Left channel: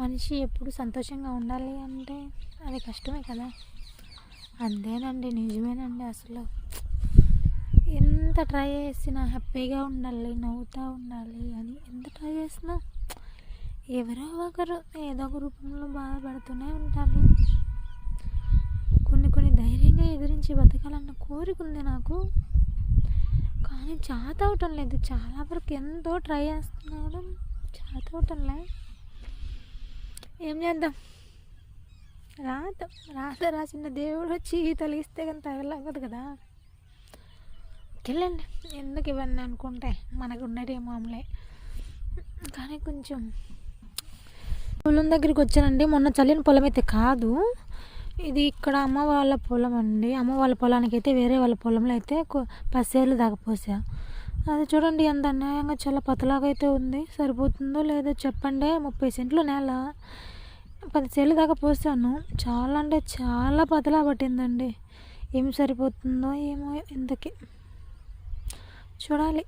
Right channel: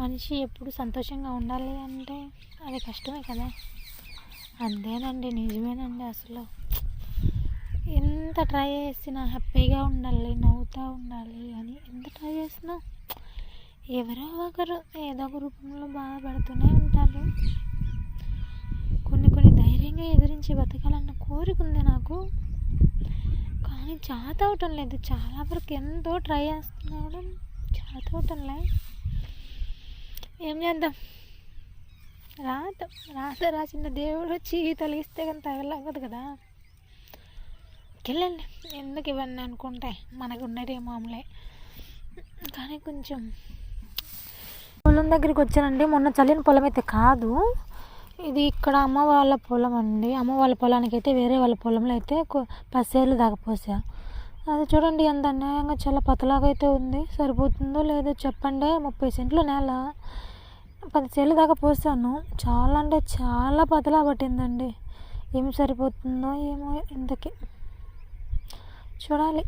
మనిషి ఎప్పుడు సంతోషంగా ఉండాలి అంటే అది కష్టమే కదా. అంతేనండి, నిజమేనండి. అసలు ఎంత ట్రై చేసినా హ్యాపీగా ఉండాలి, నవ్వుతూ ఉండాలి అని ఎంత ట్రై చేసినా ఎవరో ఒకరు ఏదో ఒక రూపంలో బాధపడుతూనే ఉంటారు. కొన్ని ధైర్యంగా ఎదిరించి బతకాలన్న కోరిక ఉంది నాకు, కానీ చేత అవటం లేదు. చాలా వరకు ఎంతో ట్రై చేస్తున్నాను, చేత అవటంలే. ఏం చేద్దాం, రాసిన దేవుడు వచ్చి తొలగిస్తే కానీ తగలవ్వదు కదా. వెళ్ళండి, ఎందుకు ఇవన్నీ అనుకుంటే మనకు ఉండేది మామూలే. కానీ కొంచెం పొలం దగ్గరికి వచ్చానండి. మొన్న చల్లిన పొలం అయితే కాదు, ఇది ఇక్కడ అమ్మ వాళ్ళ పొలం అండి. అమ్మ వాళ్ళ పొలానికి అయితే వేరే వాళ్ళ పొలంలో అయితే 10 సేర్లు దాకా పోసా. అది చూడండి ఎంత అన్యాయంగా చాలా పతలాగా అయితే ఉంది. సరిపోతుందో లేదో చెప్పండి. 30 సెంట్లు నేల 10 సేర్లు దాకా పోసాను. చాలా అంటే చాలా పతలా పట్టిందండి. ఏం సరిపోతుందో ఏమో ఇంతకీ చూడాలి.